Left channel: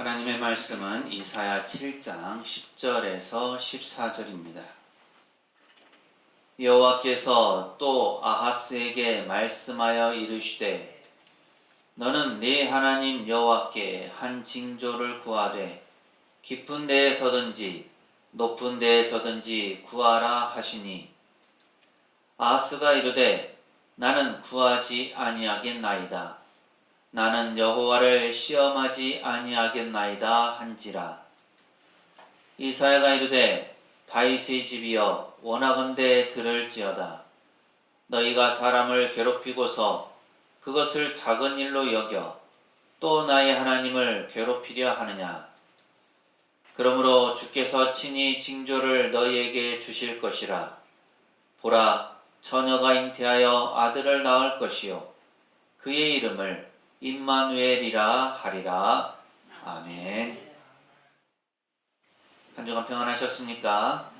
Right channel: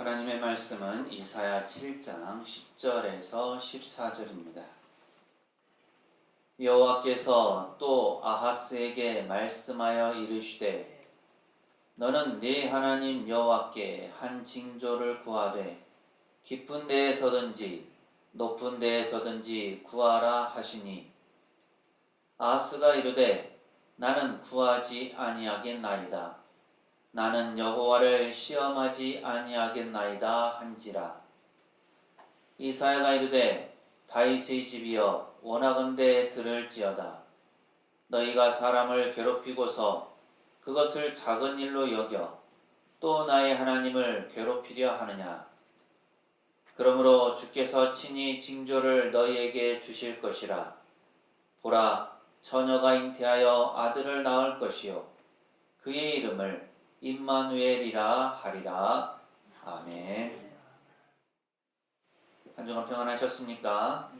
하나님의 말씀은 이사야 7장 10절에서 14절입니다. 여호와께서 또 아하스에게 말씀하여 이르시되 너는 네 하나님 여호와께 한 징조를 구하되 깊은 데에서든지 높은 데에서든지 구하라 하시니 아하스가 이르되 나는 구하지 아니하겠나이다. 나는 여호와를 시험하지 아니하겠나이다 한지라. 이사야가 이르되 다윗의 집이여 원하건대 들을지어다. 너희가 사람을 괴롭히고서 그것을 작은 일로 여겨 또 나의 하나님을 괴롭히려 하느냐. 그러므로 주께서 친히 징조를 너희에게 주실 것이라. 보라, 처녀가 잉태하여 아들을 낳을 것이요 그의 이름을 임마누엘이라 하리라. 아멘. 한 주간 평안하셨습니까?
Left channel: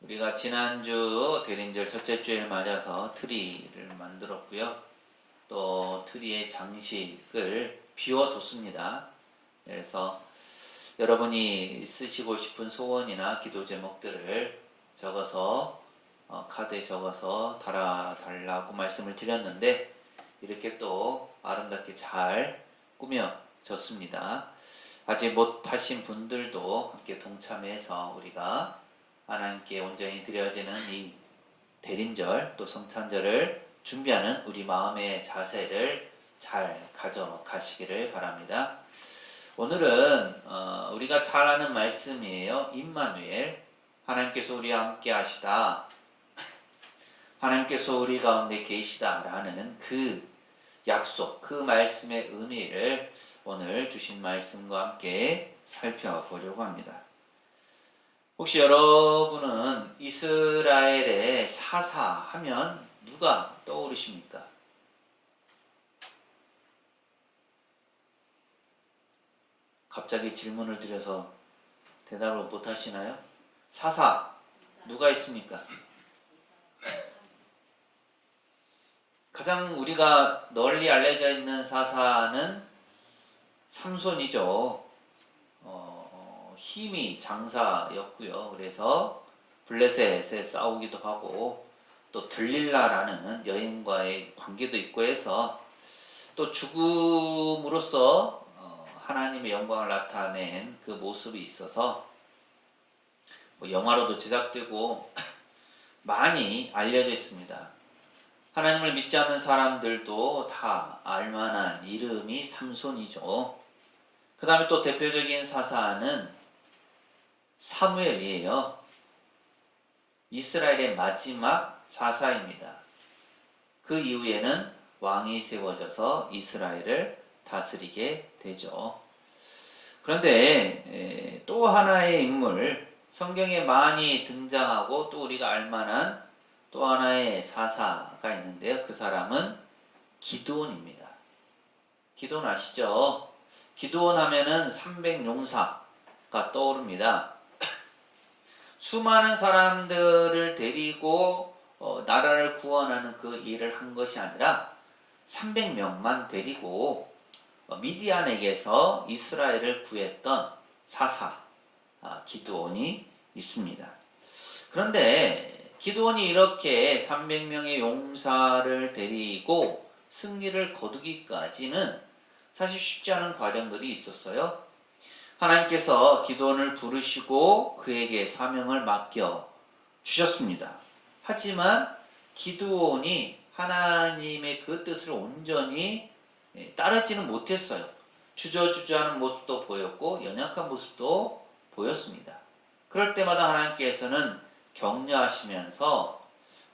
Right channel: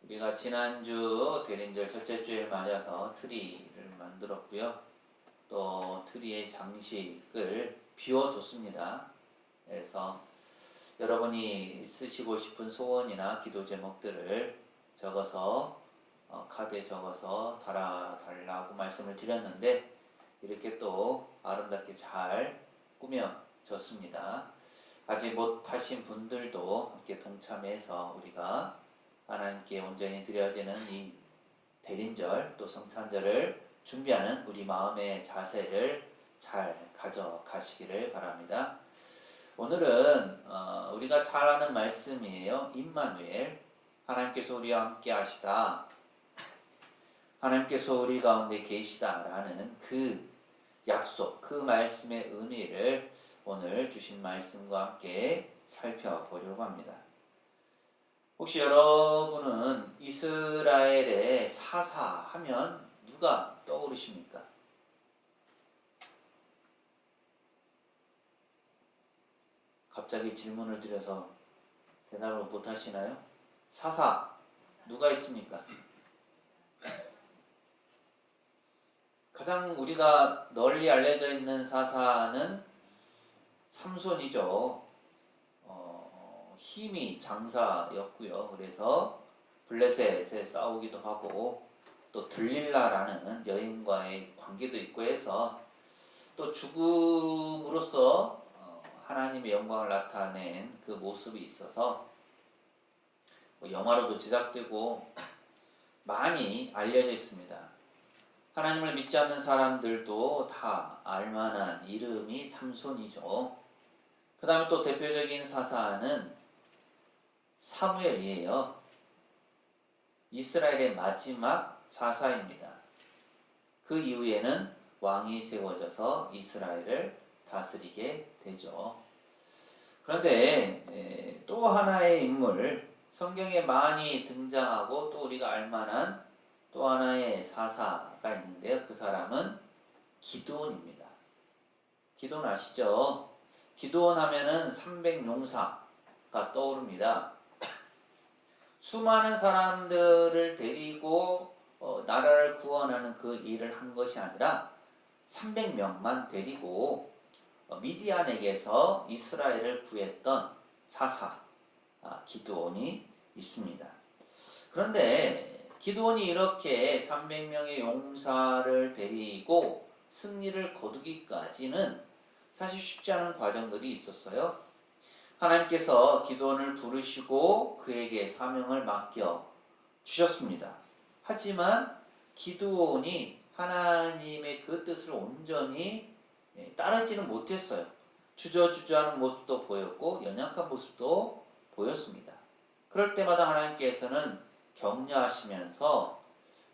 우리가 지난주 대림절 첫째 주일 맞아서 트리를 만들었고요. 또 트리의 장식을 비워뒀습니다. 그래서 여러분이 쓰시고 싶은 소원이나 기도 제목들을 적어서 카드에 적어서 달아달라고 말씀을 드렸는데 이렇게 또 아름답게 잘 꾸며졌습니다. 아직 못하신 분들도 함께 동참해서 우리가 하나님께 온전히 드려지는 이 대림절 또 성탄절을 준비하는 우리 마음의 자세를 잘 가져가시기를 바랍니다. 오늘은 우리가 잘 아는 말씀이에요. 임마누엘, 하나님께서 우리와 함께 하시다, 하나님께서 우리 가운데 계시다라는 그 약속, 그 말씀의 의미를 오늘 주신 말씀과 함께 살펴보려고 합니다. 혹시 여러분은 이스라엘의 사사하면 누가 떠오르십니까? 갑자기 질문을 드려서 대답을 못 하시나요? 사사, 누가 있습니까? 가장 우리가 널리 알려져 있는 사사는 삼손이죠. 힘이 장사였고요. 그래서 블레셋에 싸우기도 하고 또 들릴라라는 여인과의 관계도 있고 해서 또 죽음으로써 하나님의 영광을 나타낸 그 모습이 있어서 영화로도 제작되고 많이 알려져 있습니다. 하나님을 믿지 않는 사람들도 다 알만한 이름이 삼손이죠. 그 다음에 또 대표적인 사사는 사무엘이에요. 이스라엘의 마지막 사사입니다. 그 이후에는 왕이 세워져서 이스라엘을 다스리게 되죠. 그런데 또 하나의 인물, 성경에 많이 등장하고 또 우리가 알만한 또 하나의 사사가 있는데요. 그 사람은 기드온입니다. 기드온 아시죠? 기드온 하면은 300용사가 떠오릅니다. 수많은 사람들을 데리고 나라를 구원하는 그 일을 한 것이 아니라 300명만 데리고 미디안에게서 이스라엘을 구했던 사사 기드온이 있습니다. 그런데 기드온이 이렇게 300명의 용사를 데리고 승리를 거두기까지는 사실 쉽지 않은 과정들이 있었어요. 하나님께서 기드온을 부르시고 그에게 사명을 맡겨 주셨습니다. 하지만 기드온이 하나님의 그 뜻을 온전히 따르지는 못했어요. 주저주저하는 모습도 보였고 연약한 모습도 보였습니다. 그럴 때마다 하나님께서는 격려하시면서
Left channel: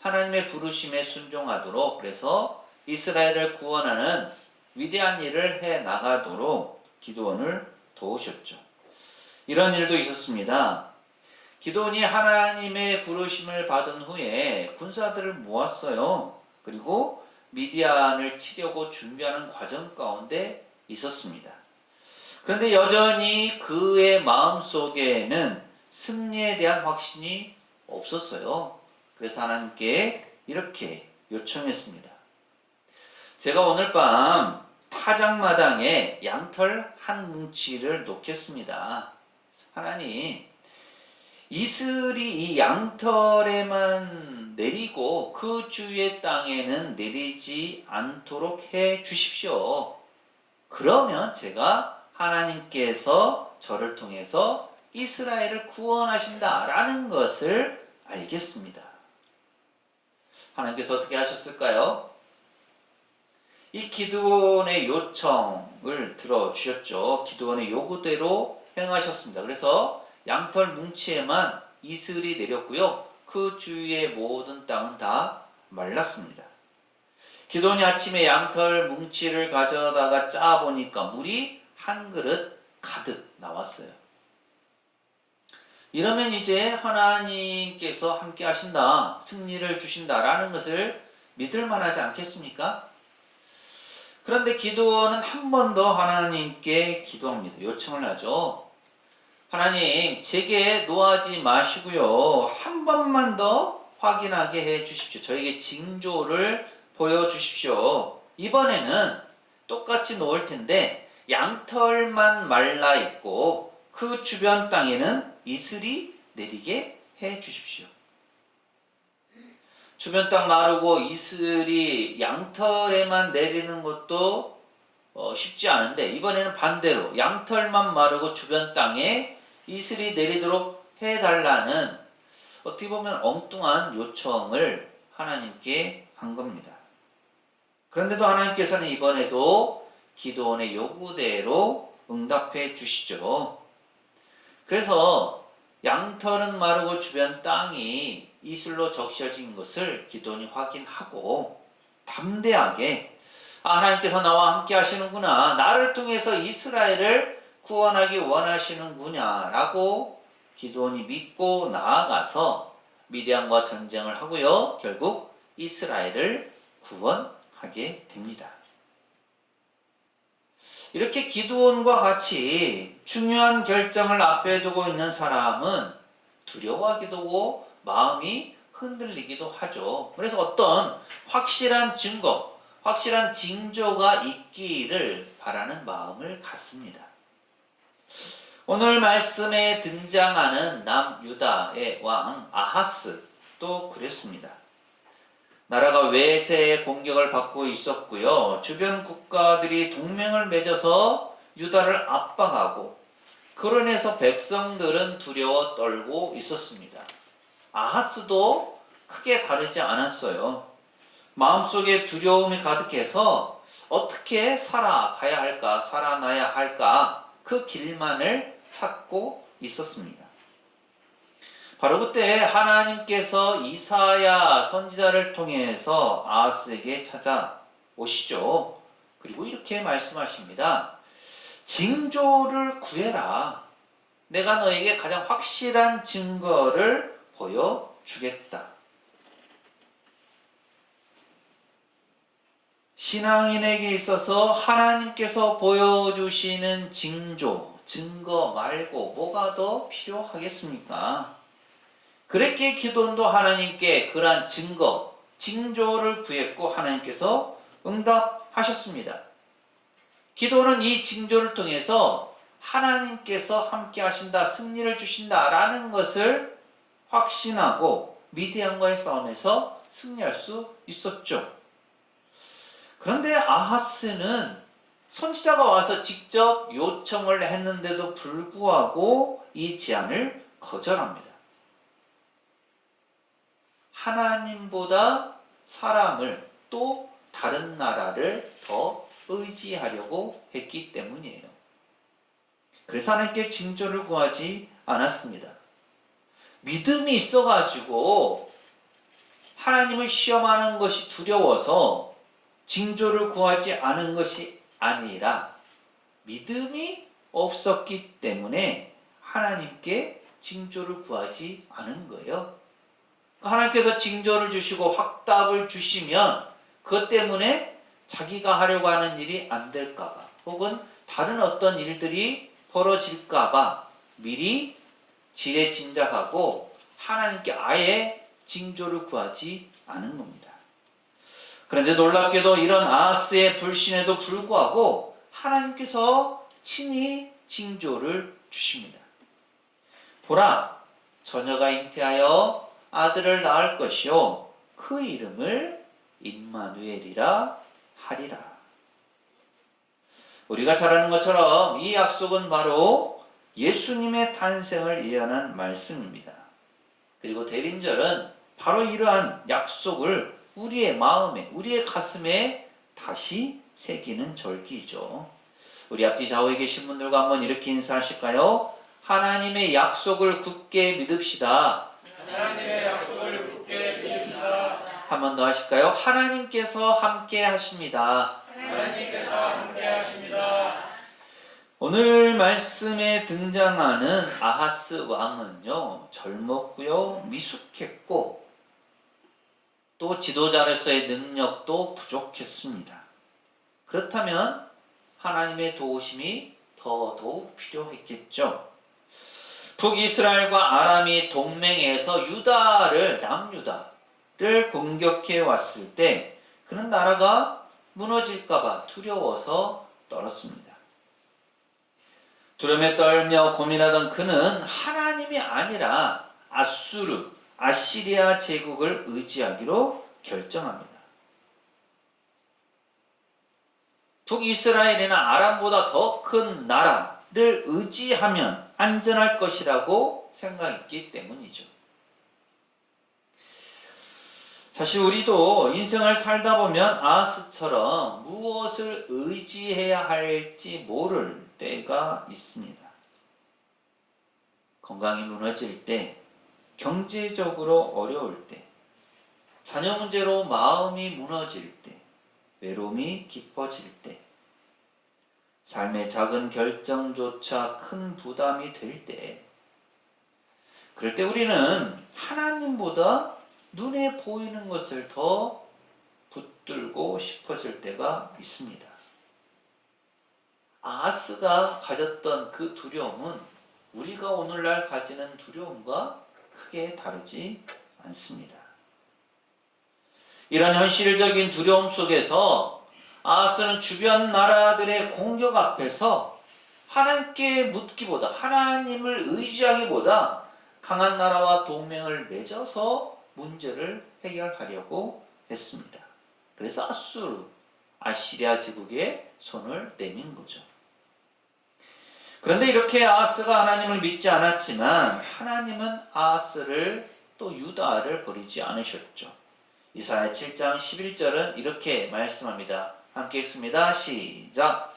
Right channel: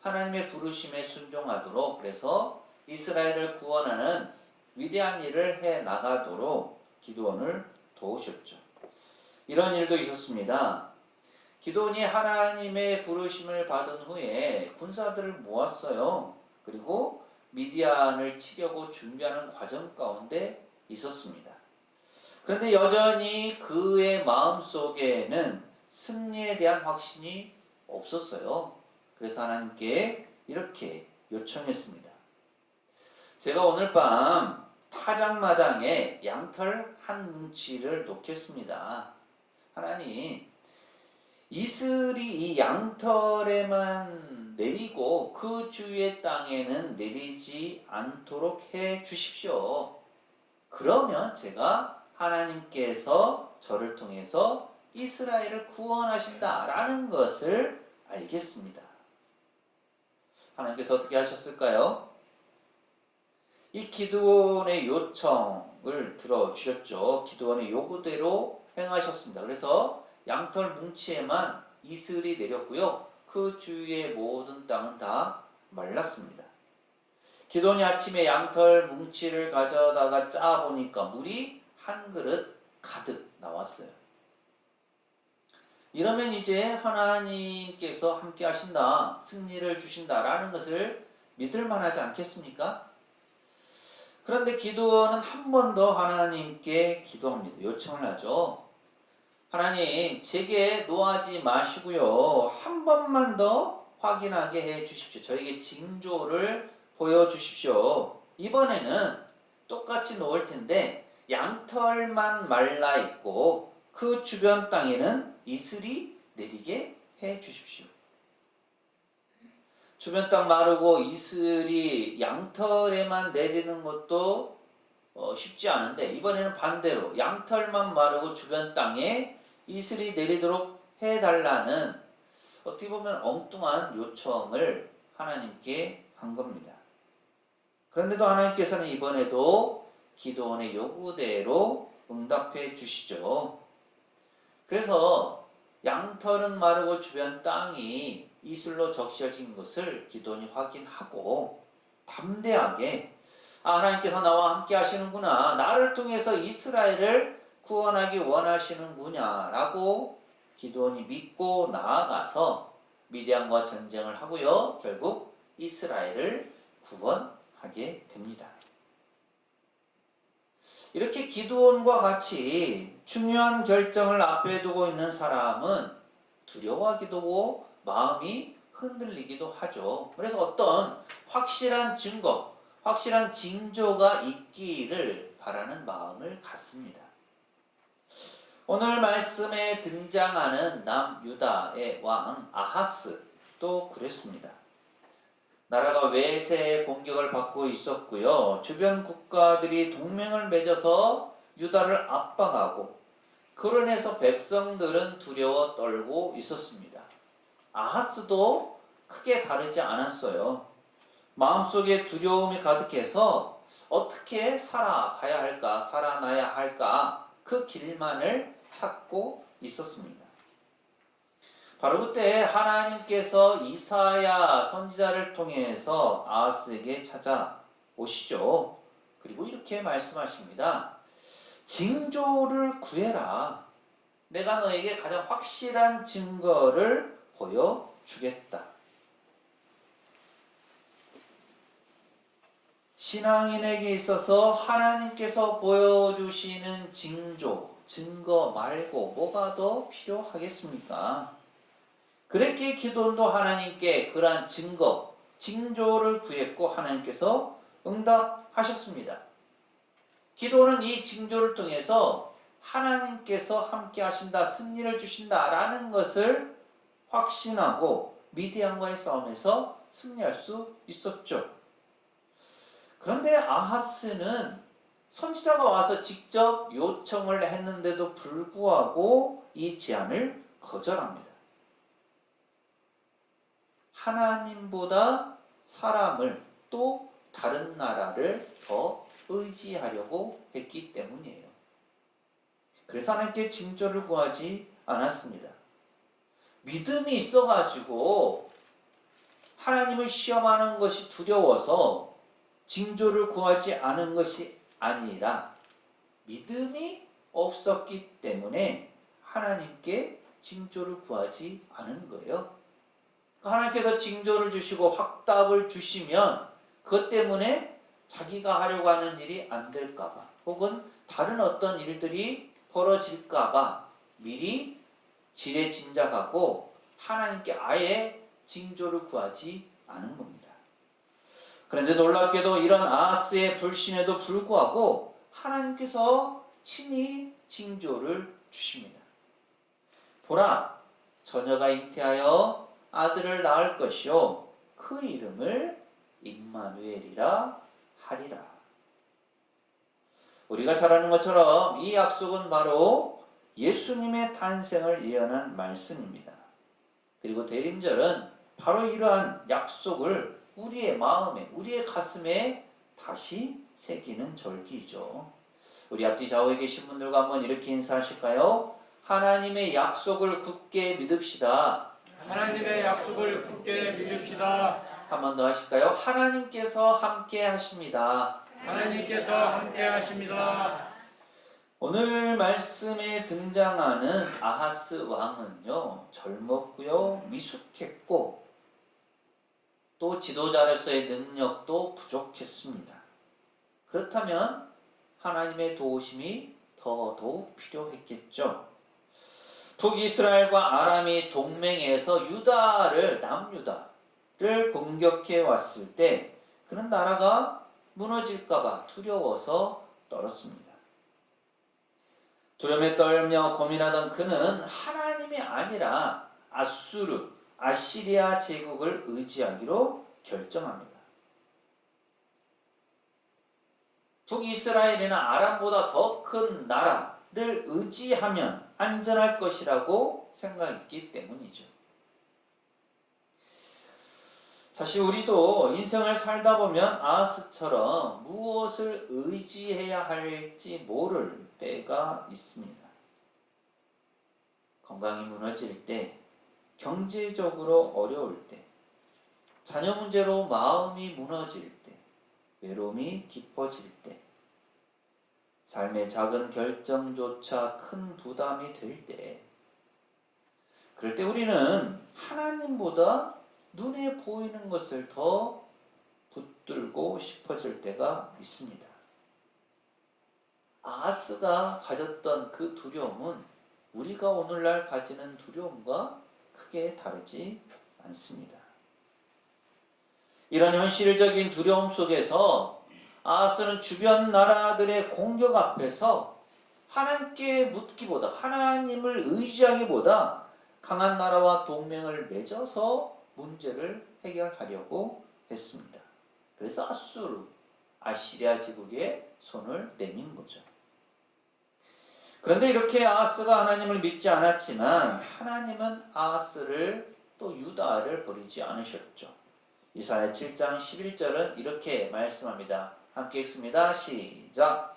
하나님의 부르심에 순종하도록, 그래서 이스라엘을 구원하는 위대한 일을 해 나가도록 기드온을 도우셨죠. 이런 일도 있었습니다. 기드온이 하나님의 부르심을 받은 후에 군사들을 모았어요. 그리고 미디안을 치려고 준비하는 과정 가운데 있었습니다. 그런데 여전히 그의 마음속에는 승리에 대한 확신이 없었어요. 그래서 하나님께 이렇게 요청했습니다. 제가 오늘 밤 화장마당에 양털 한 뭉치를 놓겠습니다. 하나님, 이슬이 이 양털에만 내리고 그 주위의 땅에는 내리지 않도록 해 주십시오. 그러면 제가 하나님께서 저를 통해서 이스라엘을 구원하신다라는 것을 알겠습니다. 하나님께서 어떻게 하셨을까요? 이 기드온의 요청을 들어주셨죠. 기드온의 요구대로 행하셨습니다. 그래서 양털 뭉치에만 이슬이 내렸고요. 그 주위의 모든 땅은 다 말랐습니다. 기드온이 아침에 양털 뭉치를 가져다가 짜보니까 물이 한 그릇 가득 나왔어요. 이러면 이제 하나님께서 함께 하신다, 승리를 주신다라는 것을 믿을 만하지 않겠습니까? 그런데 기드온은 한 번 더 하나님께 기도합니다. 요청을 하죠. 하나님, 제게 노하지 마시고요. 한 번만 더 확인하게 해 주십시오. 저에게 징조를 보여주십시오. 이번에는 똑같이 놓을 텐데 양털만 말라 있고 그 주변 땅에는 이슬이 내리게 해 주십시오. 주변 땅 마르고 이슬이 양털에만 내리는 것도 쉽지 않은데 이번에는 반대로 양털만 마르고 주변 땅에 이슬이 내리도록 해달라는 어떻게 보면 엉뚱한 요청을 하나님께 한 겁니다. 그런데도 하나님께서는 이번에도 기드온의 요구대로 응답해 주시죠. 그래서 양털은 마르고 주변 땅이 이슬로 적셔진 것을 기드온이 확인하고 담대하게 하나님께서 나와 함께 하시는구나, 나를 통해서 이스라엘을 구원하기 원하시는구나 라고 기드온이 믿고 나아가서 미디안과 전쟁을 하고요. 결국 이스라엘을 구원하게 됩니다. 이렇게 기드온과 같이 중요한 결정을 앞에 두고 있는 사람은 두려워하기도 하고 마음이 흔들리기도 하죠. 그래서 어떤 확실한 증거, 확실한 징조가 있기를 바라는 마음을 갖습니다. 오늘 말씀에 등장하는 남유다의 왕 아하스도 그랬습니다. 나라가 외세의 공격을 받고 있었고요. 주변 국가들이 동맹을 맺어서 유다를 압박하고 그로 인해서 백성들은 두려워 떨고 있었습니다. 아하스도 크게 다르지 않았어요. 마음속에 두려움이 가득해서 어떻게 살아가야 할까, 살아나야 할까 그 길만을 찾고 있었습니다. 바로 그때 하나님께서 이사야 선지자를 통해서 아하스에게 찾아오시죠. 그리고 이렇게 말씀하십니다. 징조를 구해라. 내가 너에게 가장 확실한 증거를 보여주겠다. 신앙인에게 있어서 하나님께서 보여주시는 징조, 증거 말고 뭐가 더 필요하겠습니까? 그랬기에 기드온도 하나님께 그러한 증거, 징조를 구했고 하나님께서 응답하셨습니다. 기드온은 이 징조를 통해서 하나님께서 함께 하신다, 승리를 주신다라는 것을 확신하고 미디안과의 싸움에서 승리할 수 있었죠. 그런데 아하스는 선지자가 와서 직접 요청을 했는데도 불구하고 이 제안을 거절합니다. 하나님보다 사람을 또 다른 나라를 더 의지하려고 했기 때문이에요. 그래서 하나님께 징조를 구하지 않았습니다. 믿음이 있어가지고 하나님을 시험하는 것이 두려워서 징조를 구하지 않은 것이 아니라 믿음이 없었기 때문에 하나님께 징조를 구하지 않은 거예요. 하나님께서 징조를 주시고 확답을 주시면 그것 때문에 자기가 하려고 하는 일이 안 될까봐 혹은 다른 어떤 일들이 벌어질까봐 미리 지레짐작하고 하나님께 아예 징조를 구하지 않은 겁니다. 그런데 놀랍게도 이런 아하스의 불신에도 불구하고 하나님께서 친히 징조를 주십니다. 보라, 처녀가 잉태하여 아들을 낳을 것이요 그 이름을 임마누엘이라 하리라. 우리가 잘 아는 것처럼 이 약속은 바로 예수님의 탄생을 예언한 말씀입니다. 그리고 대림절은 바로 이러한 약속을 우리의 마음에, 우리의 가슴에 다시 새기는 절기이죠. 우리 앞뒤 좌우에 계신 분들과 한번 이렇게 인사하실까요? 하나님의 약속을 굳게 믿읍시다. 하나님의 약속을 굳게 믿읍시다. 한 번 더 하실까요? 하나님께서 함께 하십니다. 하나님께서 함께 하십니다. 오늘 말씀에 등장하는 아하스 왕은요, 젊었고요, 미숙했고, 또 지도자로서의 능력도 부족했습니다. 그렇다면 하나님의 도우심이 더더욱 필요했겠죠. 북이스라엘과 아람이 동맹해서 남유다를 공격해 왔을 때 그는 나라가 무너질까봐 두려워서 떨었습니다. 두려움에 떨며 고민하던 그는 하나님이 아니라 아시리아 제국을 의지하기로 결정합니다. 북이스라엘이나 아람보다 더 큰 나라를 의지하면 안전할 것이라고 생각했기 때문이죠. 사실 우리도 인생을 살다 보면 아하스처럼 무엇을 의지해야 할지 모를 때가 있습니다. 건강이 무너질 때, 경제적으로 어려울 때, 자녀 문제로 마음이 무너질 때, 외로움이 깊어질 때, 삶의 작은 결정조차 큰 부담이 될 때, 그럴 때 우리는 하나님보다 눈에 보이는 것을 더 붙들고 싶어질 때가 있습니다. 아하스가 가졌던 그 두려움은 우리가 오늘날 가지는 두려움과 크게 다르지 않습니다. 이런 현실적인 두려움 속에서 아하스는 주변 나라들의 공격 앞에서 하나님께 묻기보다, 하나님을 의지하기보다 강한 나라와 동맹을 맺어서 문제를 해결하려고 했습니다. 그래서 아시리아 제국에 손을 내민 거죠. 그런데 이렇게 아하스가 하나님을 믿지 않았지만 하나님은 아하스를 또 유다를 버리지 않으셨죠. 이사야 7장 11절은 이렇게 말씀합니다. 함께 읽습니다. 시작.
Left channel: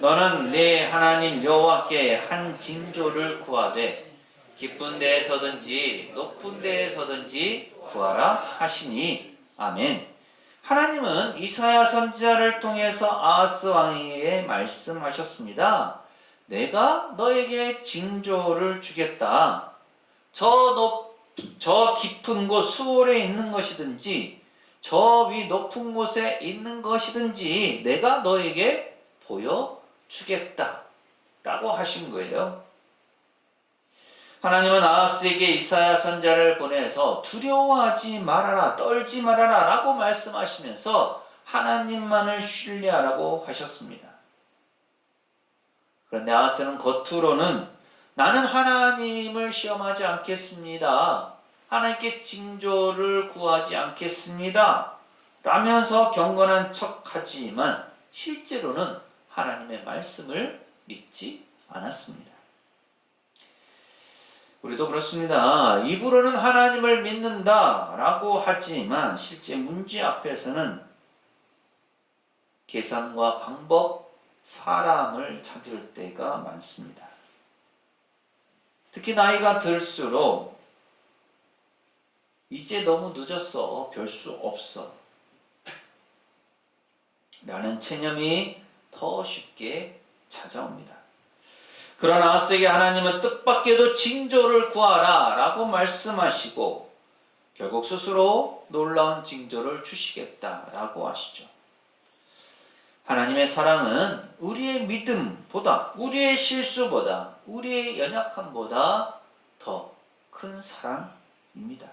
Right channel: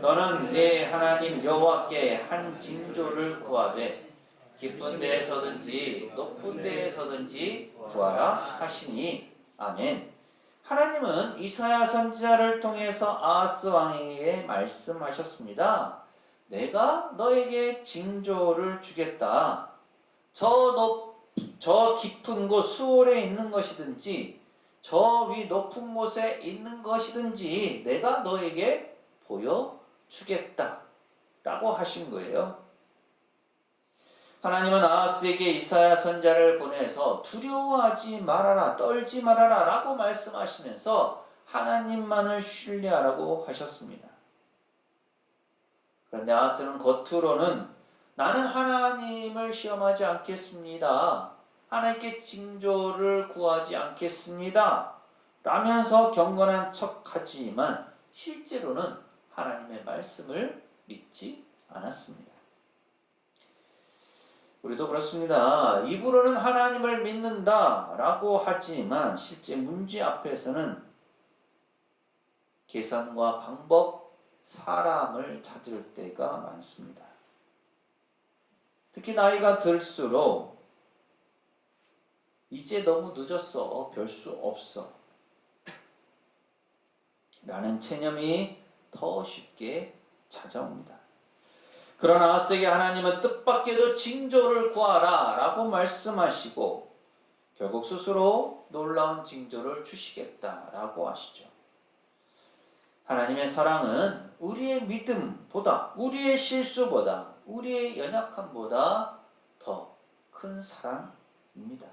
너는 내 하나님 여호와께 한 징조를 구하되 깊은 데에서든지 높은 데에서든지 구하라 하시니. 아멘. 하나님은 이사야 선지자를 통해서 아하스 왕에게 말씀하셨습니다. 내가 너에게 징조를 주겠다. 저 깊은 곳 수월에 있는 것이든지 저 위 높은 곳에 있는 것이든지 내가 너에게 보여주겠다 라고 하신 거예요. 하나님은 아하스에게 이사야 선지자를 보내서 두려워하지 말아라, 떨지 말아라 라고 말씀하시면서 하나님만을 신뢰하라고 하셨습니다. 그런데 아하스는 겉으로는 나는 하나님을 시험하지 않겠습니다. 하나님께 징조를 구하지 않겠습니다. 라면서 경건한 척하지만 실제로는 하나님의 말씀을 믿지 않았습니다. 우리도 그렇습니다. 입으로는 하나님을 믿는다 라고 하지만 실제 문제 앞에서는 계산과 방법, 사람을 찾을 때가 많습니다. 특히 나이가 들수록 이제 너무 늦었어, 별 수 없어 라는 체념이 더 쉽게 찾아옵니다. 그러나 아하스에게 하나님은 뜻밖에도 징조를 구하라 라고 말씀하시고 결국 스스로 놀라운 징조를 주시겠다라고 하시죠. 하나님의 사랑은 우리의 믿음보다, 우리의 실수보다, 우리의 연약함보다 더 큰 사랑입니다.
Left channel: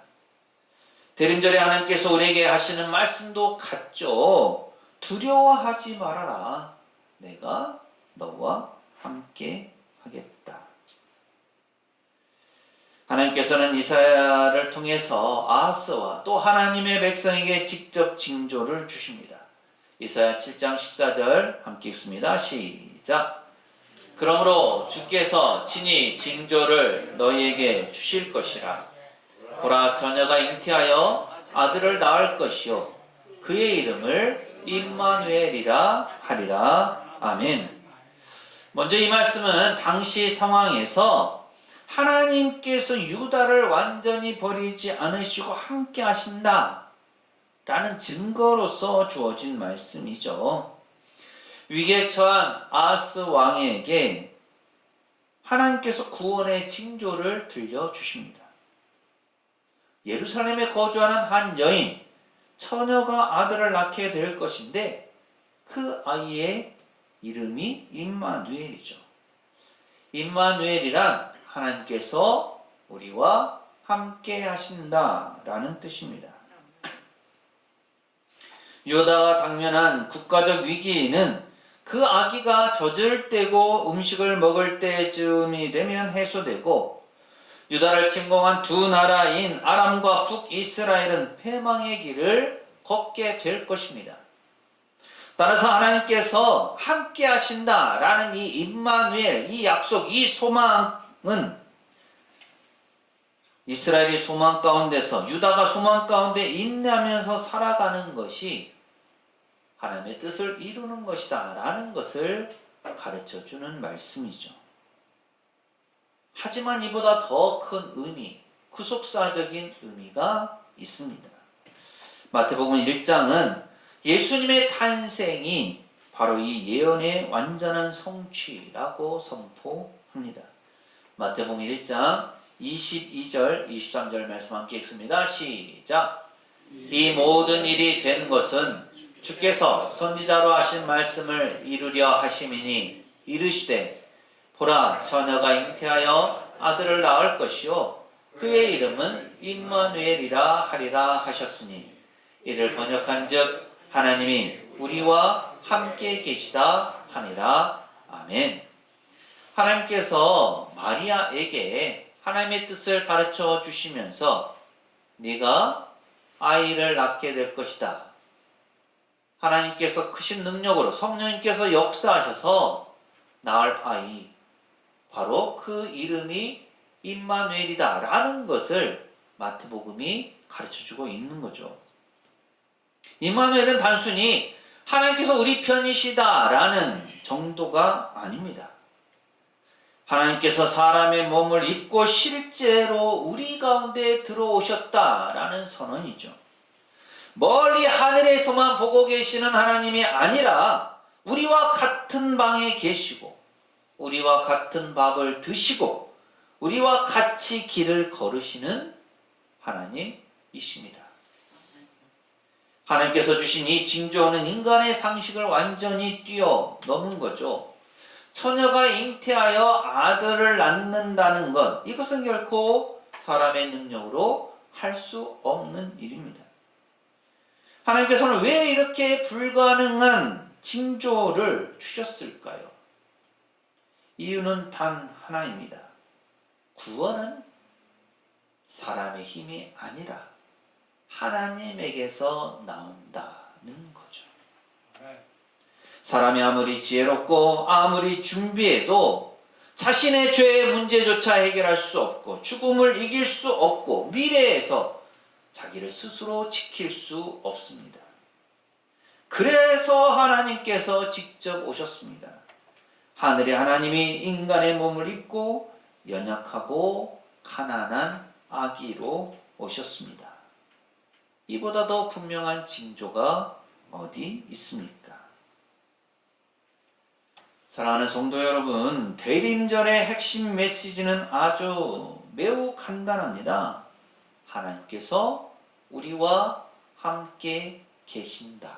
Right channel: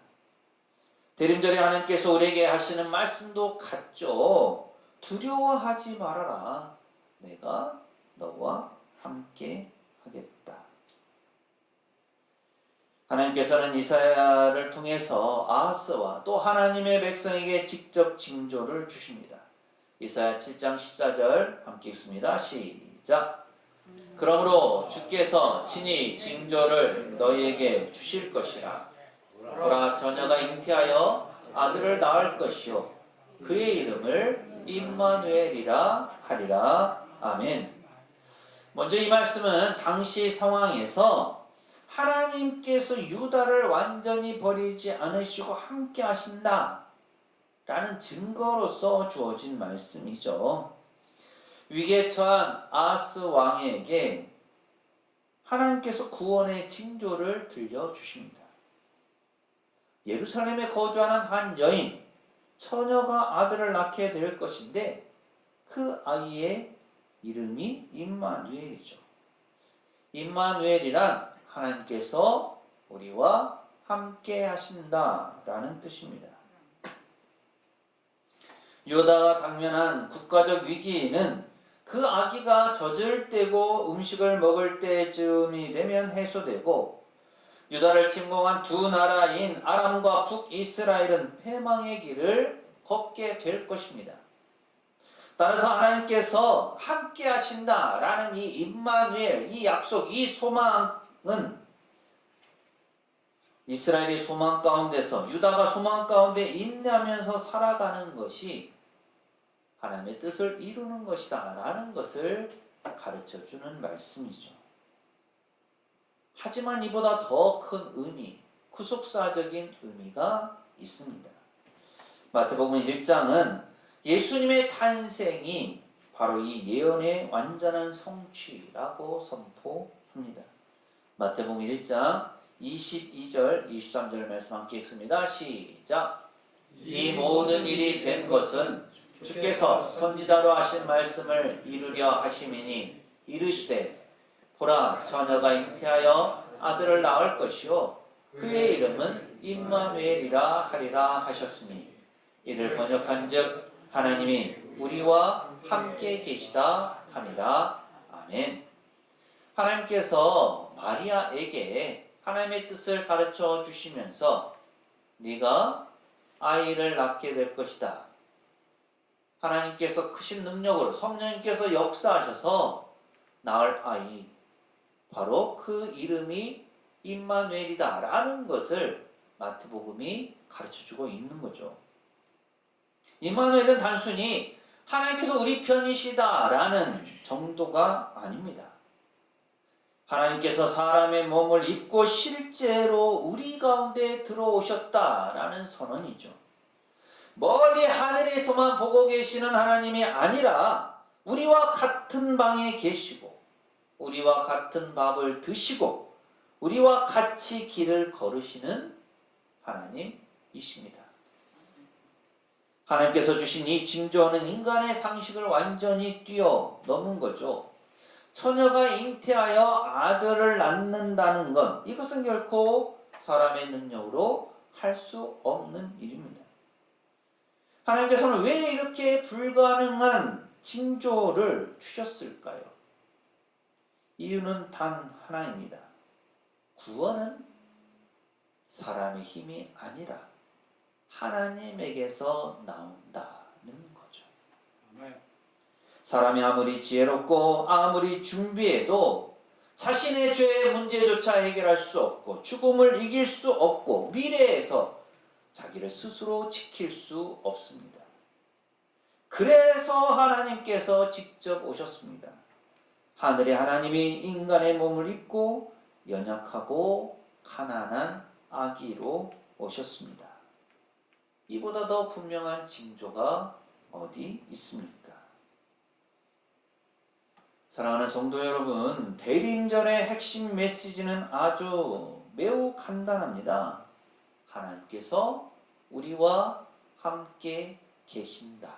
대림절에 하나님께서 우리에게 하시는 말씀도 같죠. 두려워하지 말아라. 내가 너와 함께 하겠다. 하나님께서는 이사야를 통해서 아하스와 또 하나님의 백성에게 직접 징조를 주십니다. 이사야 7장 14절 함께 읽습니다. 시작. 그러므로 주께서 친히 징조를 너희에게 주실 것이라. 보라, 처녀가 잉태하여 아들을 낳을 것이요 그의 이름을 임마누엘이라 하리라. 아멘. 먼저 이 말씀은 당시 상황에서 하나님께서 유다를 완전히 버리지 않으시고 함께 하신다 라는 증거로서 주어진 말씀이죠. 위기에 처한 아하스 왕에게 하나님께서 구원의 징조를 들려주십니다. 예루살렘에 거주하는 한 여인, 처녀가 아들을 낳게 될 것인데 그 아이의 이름이 임마누엘이죠. 임마누엘이란 하나님께서 우리와 함께 하신다라는 뜻입니다. 유다가 당면한 국가적 위기는 그 아기가 젖을 떼고 음식을 먹을 때쯤이 되면 해소되고 유다를 침공한 두 나라인 아람과 북이스라엘은 패망의 길을 걷게 될 것입니다. 따라서 하나님께서 함께 하신다라는 이 임마누엘, 이 약속, 이 소망은 이스라엘이 소망 가운데서 유다가 소망 가운데 인내하면서 살아가는 것이 하나님의 뜻을 이루는 것이다 라는 것을 가르쳐주는 말씀이죠. 하지만 이보다 더 큰 의미, 구속사적인 의미가 있습니다. 마태복음 1장은 예수님의 탄생이 바로 이 예언의 완전한 성취라고 선포합니다. 마태복음 1장 22절, 23절 말씀 함께 읽습니다. 시작. 이 모든 일이 된 것은 주께서 선지자로 하신 말씀을 이루려 하심이니 이르시되 보라, 처녀가 잉태하여 아들을 낳을 것이요 그의 이름은 임마누엘이라 하리라 하셨으니 이를 번역한즉 하나님이 우리와 함께 계시다 하니라. 아멘. 하나님께서 마리아에게 하나님의 뜻을 가르쳐 주시면서 네가 아이를 낳게 될 것이다. 하나님께서 크신 능력으로 성령님께서 역사하셔서 낳을 아이, 바로 그 이름이 임마누엘이다 라는 것을 마태복음이 가르쳐주고 있는 거죠. 임마누엘은 단순히 하나님께서 우리 편이시다 라는 정도가 아닙니다. 하나님께서 사람의 몸을 입고 실제로 우리 가운데 들어오셨다 라는 선언이죠. 멀리 하늘에서만 보고 계시는 하나님이 아니라 우리와 같은 방에 계시고 우리와 같은 밥을 드시고 우리와 같이 길을 걸으시는 하나님이십니다. 하나님께서 주신 이 징조는 인간의 상식을 완전히 뛰어넘은 거죠. 처녀가 잉태하여 아들을 낳는다는 것, 이것은 결코 사람의 능력으로 할 수 없는 일입니다. 하나님께서는 왜 이렇게 불가능한 징조를 주셨을까요? 이유는 단 하나입니다. 구원은 사람의 힘이 아니라 하나님에게서 나온다는 거죠. 사람이 아무리 지혜롭고 아무리 준비해도 자신의 죄의 문제조차 해결할 수 없고 죽음을 이길 수 없고 미래에서 자기를 스스로 지킬 수 없습니다. 그래서 하나님께서 직접 오셨습니다. 하늘의 하나님이 인간의 몸을 입고 연약하고 가난한 아기로 오셨습니다. 이보다 더 분명한 징조가 어디 있습니까? 사랑하는 성도 여러분, 대림절의 핵심 메시지는 아주 매우 간단합니다. 하나님께서 우리와 함께 계신다.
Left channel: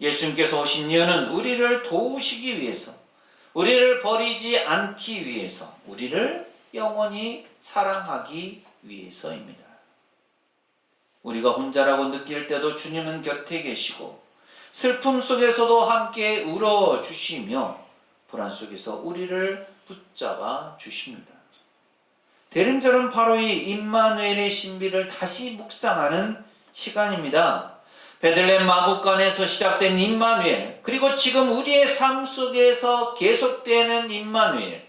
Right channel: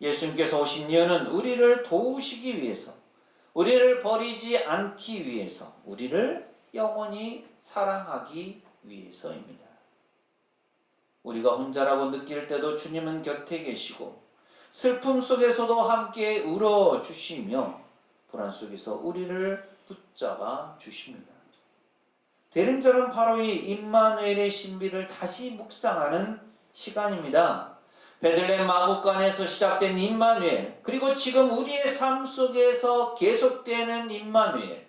예수님께서 오신 이유는 우리를 도우시기 위해서, 우리를 버리지 않기 위해서, 우리를 영원히 사랑하기 위해서입니다. 우리가 혼자라고 느낄 때도 주님은 곁에 계시고 슬픔 속에서도 함께 울어주시며 불안 속에서 우리를 붙잡아 주십니다. 대림절은 바로 이 임마누엘의 신비를 다시 묵상하는 시간입니다. 베들레헴 마구간에서 시작된 임마누엘, 그리고 지금 우리의 삶 속에서 계속되는 임마누엘,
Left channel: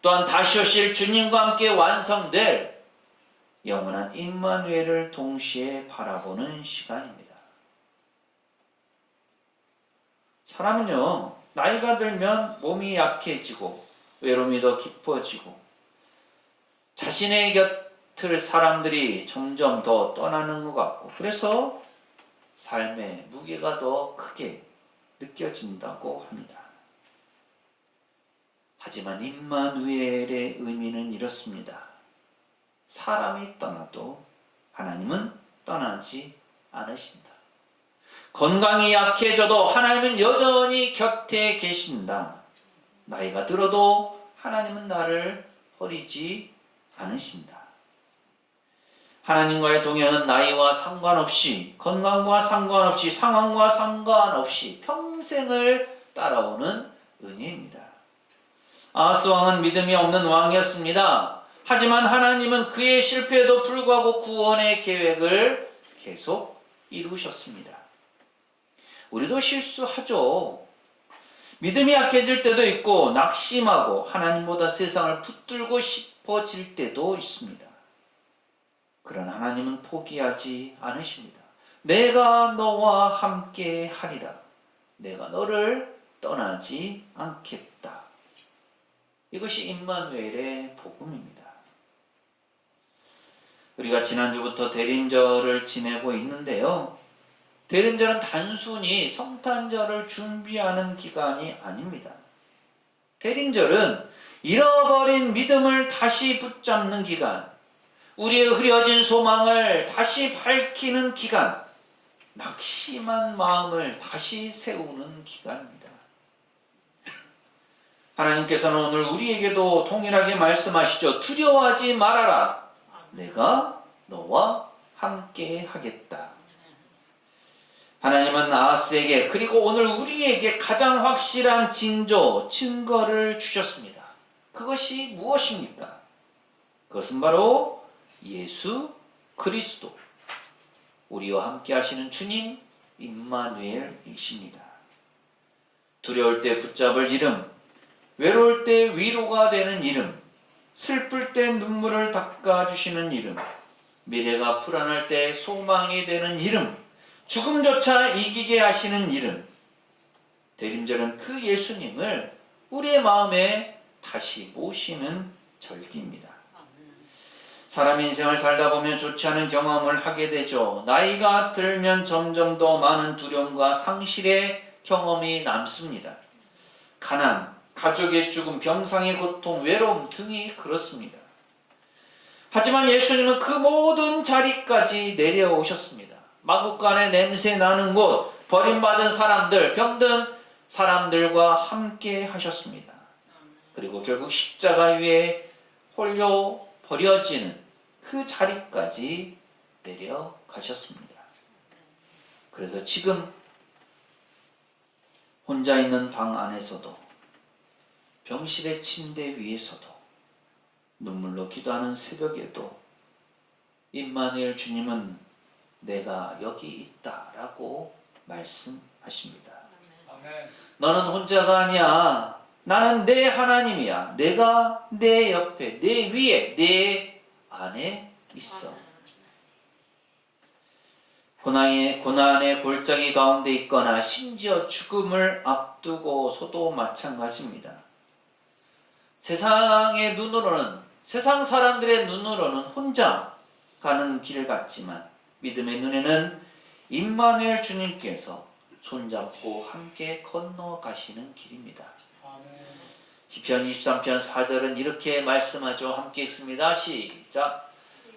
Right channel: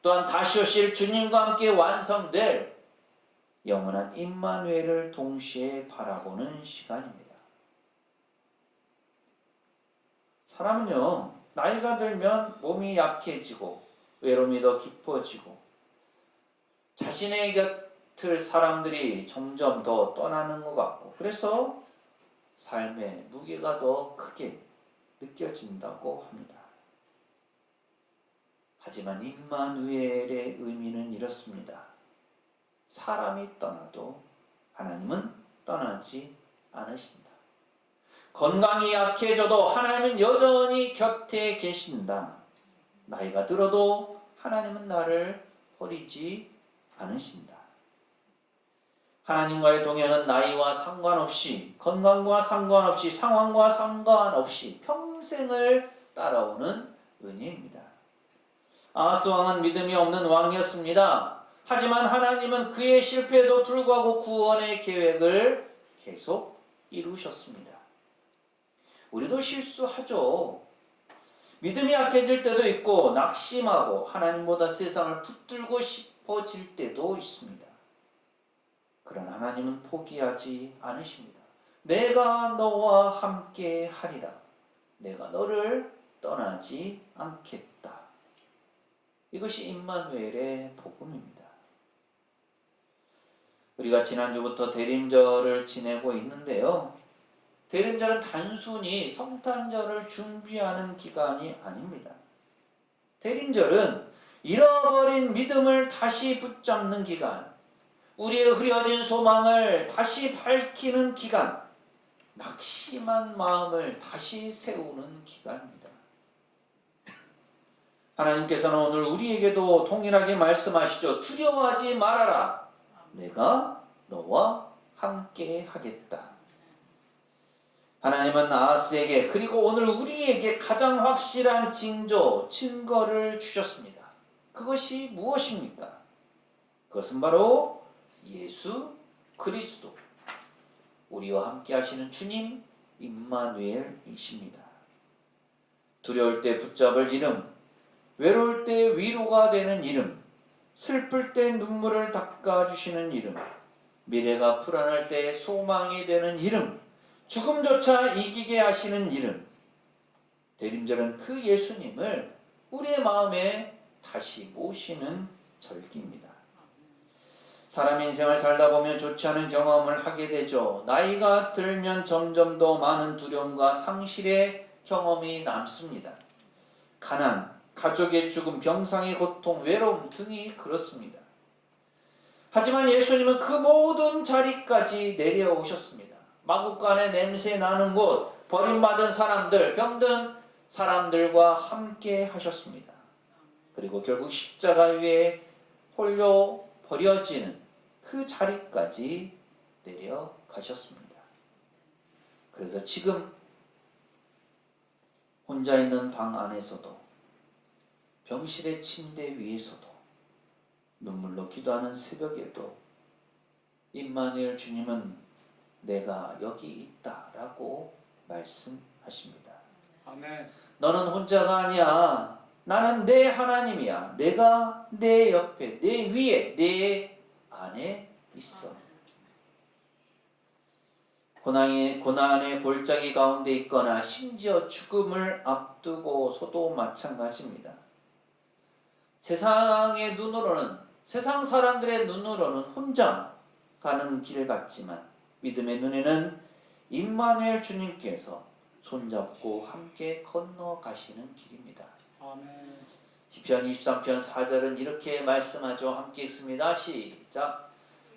또한 다시 오실 주님과 함께 완성될 영원한 임마누엘을 동시에 바라보는 시간입니다. 사람은요, 나이가 들면 몸이 약해지고 외로움이 더 깊어지고 자신의 곁을 사람들이 점점 더 떠나는 것 같고, 그래서 삶의 무게가 더 크게 느껴진다고 합니다. 하지만 임마누엘의 의미는 이렇습니다. 사람이 떠나도 하나님은 떠나지 않으신다. 건강이 약해져도 하나님은 여전히 곁에 계신다. 나이가 들어도 하나님은 나를 버리지 않으신다. 하나님과의 동행은 나이와 상관없이, 건강과 상관없이, 상황과 상관없이 평생을 따라오는 은혜입니다. 아하스 왕은 믿음이 없는 왕이었습니다. 하지만 하나님은 그의 실패에도 불구하고 구원의 계획을 계속 이루셨습니다. 우리도 실수하죠. 믿음이 약해질 때도 있고 낙심하고 하나님보다 세상을 붙들고 싶어질 때도 있습니다. 그러나 하나님은 포기하지 않으십니다. 내가 너와 함께 하리라. 내가 너를 떠나지 않겠다. 이것이 임마누엘의 복음입니다. 우리가 지난주부터 대림절을 지내고 있는데요. 대림절은 단순히 성탄절을 준비하는 기간이 아닙니다. 대림절은 잃어버린 믿음을 다시 붙잡는 기간, 우리의 흐려진 소망을 다시 밝히는 기간, 낙심한 마음을 다시 세우는 기간입니다. 하나님께서는 오늘 우리에게도 동일하게 말씀하시죠. 두려워하지 말아라. 내가 너와 함께 하겠다. 하나님은 아하스에게, 그리고 오늘 우리에게 가장 확실한 징조, 증거를 주셨습니다. 그것이 무엇입니까? 그것은 바로 예수 그리스도, 우리와 함께 하시는 주님 임마누엘이십니다. 두려울 때 붙잡을 이름, 외로울 때 위로가 되는 이름, 슬플 때 눈물을 닦아주시는 이름, 미래가 불안할 때 소망이 되는 이름, 죽음조차 이기게 하시는 이름. 대림절은 그 예수님을 우리의 마음에 다시 모시는 절기입니다. 사람 인생을 살다 보면 좋지 않은 경험을 하게 되죠. 나이가 들면 점점 더 많은 두려움과 상실의 경험이 남습니다. 가난, 가족의 죽음, 병상의 고통, 외로움 등이 그렇습니다. 하지만 예수님은 그 모든 자리까지 내려오셨습니다. 마구간에 냄새 나는 곳, 버림받은 사람들, 병든 사람들과 함께 하셨습니다. 그리고 결국 십자가 위에 홀려 버려지는 그 자리까지 내려가셨습니다. 그래서 지금 혼자 있는 방 안에서도, 병실의 침대 위에서도, 눈물로 기도하는 새벽에도 임마누엘 주님은 내가 여기 있다라고 말씀하십니다. 아멘. 너는 혼자가 아니야. 나는 내 하나님이야. 내가 내 옆에, 내 위에, 내 안에 있어. 고난의 골짜기 가운데 있거나 심지어 죽음을 앞두고서도 마찬가지입니다. 세상의 눈으로는, 세상 사람들의 눈으로는 혼자 가는 길 같지만 믿음의 눈에는 임마누엘 주님께서 손잡고 함께 건너가시는 길입니다. 아멘. 시편 23편 4절은 이렇게 말씀하죠. 함께 읽습니다. 시작.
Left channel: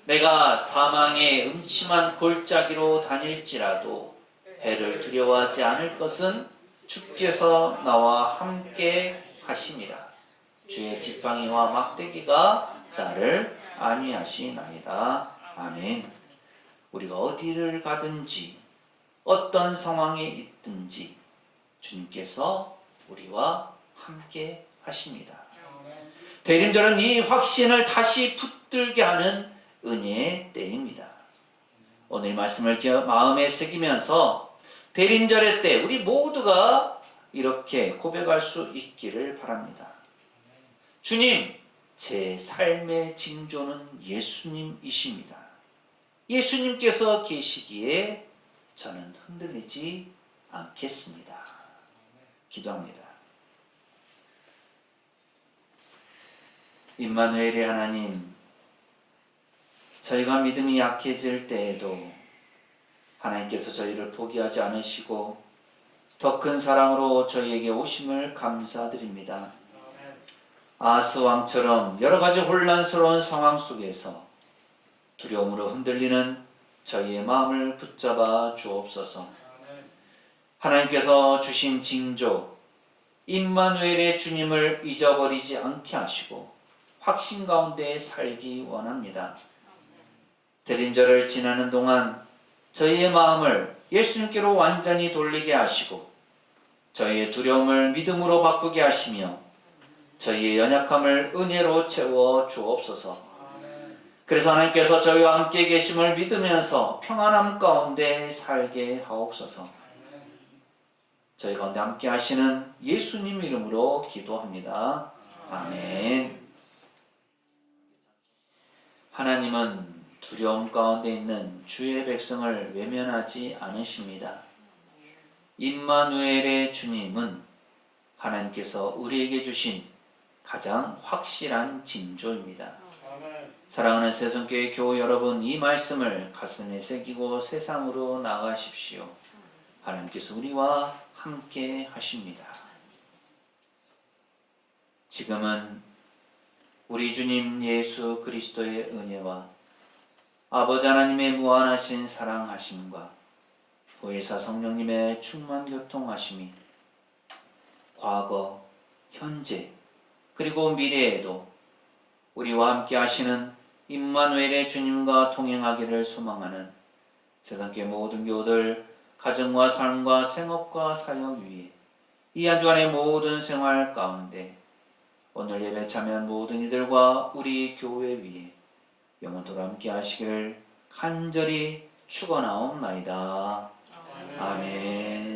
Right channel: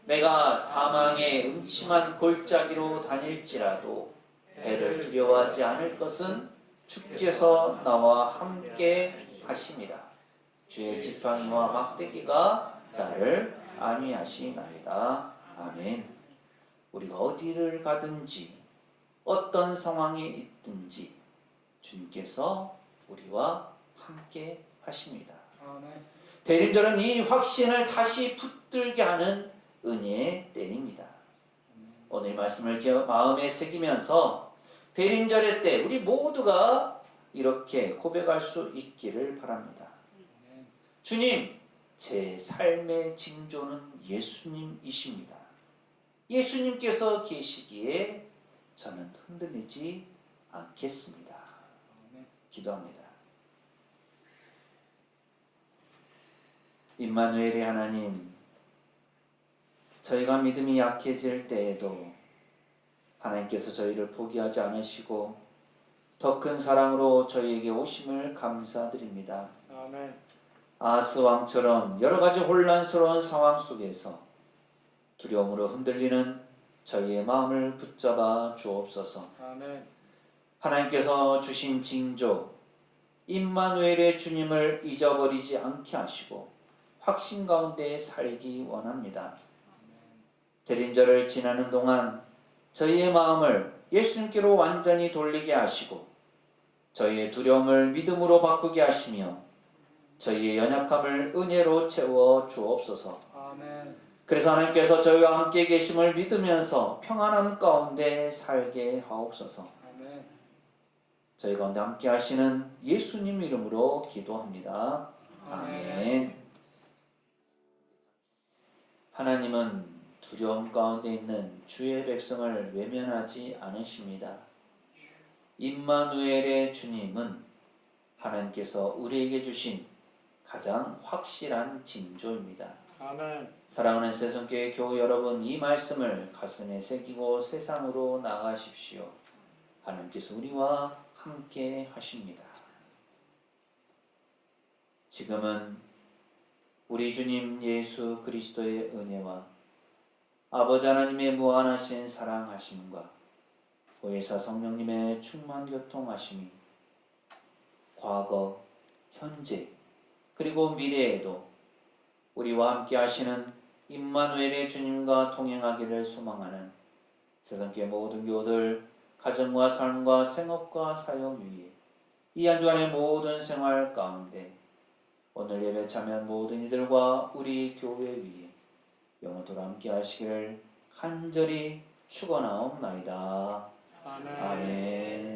내가 사망의 음침한 골짜기로 다닐지라도 해를 두려워하지 않을 것은 주께서 나와 함께 하심이라. 주의 지팡이와 막대기가 나를 안위하시나이다. 아멘. 우리가 어디를 가든지 어떤 상황에 있든지 주님께서 우리와 함께 하십니다. 아멘. 대림절은 이 확신을 다시 붙들게 하는 은혜의 때입니다. 오늘 말씀을 마음에 새기면서 대림절의 때 우리 모두가 이렇게 고백할 수 있기를 바랍니다. 주님, 제 삶의 징조는 예수님이십니다. 예수님께서 계시기에 저는 흔들리지 않겠습니다. 기도합니다. 임마누엘의 하나님, 저희가 믿음이 약해질 때에도 하나님께서 저희를 포기하지 않으시고 더 큰 사랑으로 저희에게 오심을 감사드립니다. 아멘. 아하스 왕처럼 여러 가지 혼란스러운 상황 속에서 두려움으로 흔들리는 저희의 마음을 붙잡아 주옵소서. 아멘. 하나님께서 주신 징조 임마누엘의 주님을 잊어버리지 않게 하시고 확신 가운데 살기 원합니다. 대림절을 지나는 동안 저희의 마음을 예수님께로 완전히 돌리게 하시고 저희의 두려움을 믿음으로 바꾸게 하시며 저희의 연약함을 은혜로 채워 주옵소서. 아멘. 그래서 하나님께서 저희와 함께 계심을 믿으면서 평안함 가운데 살게 하옵소서. 아멘. 저희 가운데 함께 하시는 예수님 이름으로 기도합니다. 아멘. 하나님은 두려움 가운데 있는 주의 백성을 외면하지 않으십니다. 임마누엘의 주님은 하나님께서 우리에게 주신 가장 확실한 징조입니다. 아멘. 사랑하는 새송교회 교우 여러분, 이 말씀을 가슴에 새기고 세상으로 나가십시오. 하나님께서 우리와 함께 하십니다. 지금은 우리 주님 예수 그리스도의 은혜와 아버지 하나님의 무한하신 사랑하심과 보혜사 성령님의 충만 교통하심이 과거, 현재, 그리고 미래에도 우리와 함께 하시는 임마누엘의 주님과 동행하기를 소망하는 세상의 모든 교우들 가정과 삶과 생업과 사역 위에 이 한 주간의 모든 생활 가운데 오늘 예배 참여한 모든 이들과 우리 교회 위에 영원토록 함께 하시기를 간절히 축원하옵나이다. 아멘.